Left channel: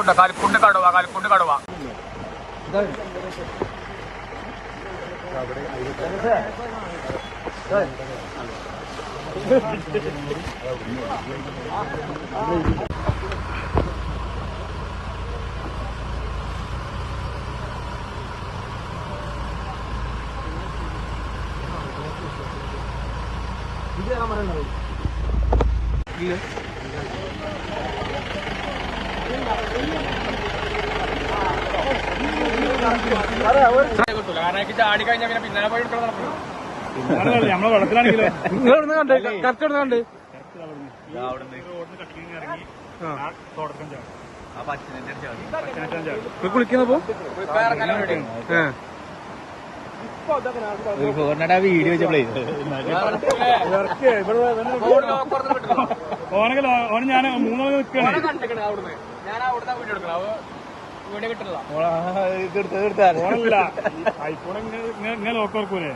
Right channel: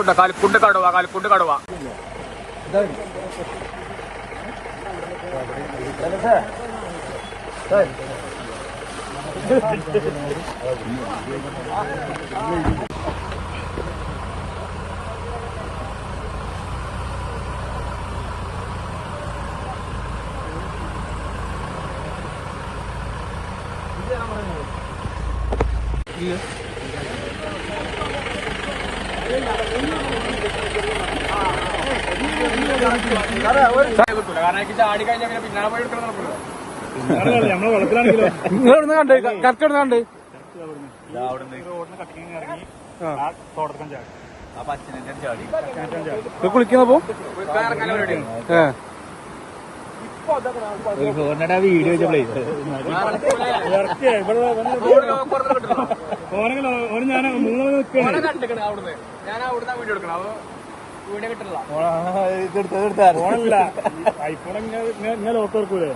കാലിക്കുണ്ട് കാലിക്കുണ്ട് കടുവ കാലിക്കുണ്ട് കടുവ. ഇത് നമ്മളെ വെള്ളത്തിലാണെങ്കിലോ ഇങ്ങോട്ട് കണ്ട് കറക്റ്റ് വീഡിയോ ഓന് ഞാൻ മൂന്ന് നിൽക്കണേ ഓണല്ല ഐഫോൺ ഇങ്ങനെ ലോക്ക് ഓർക്കൂലേ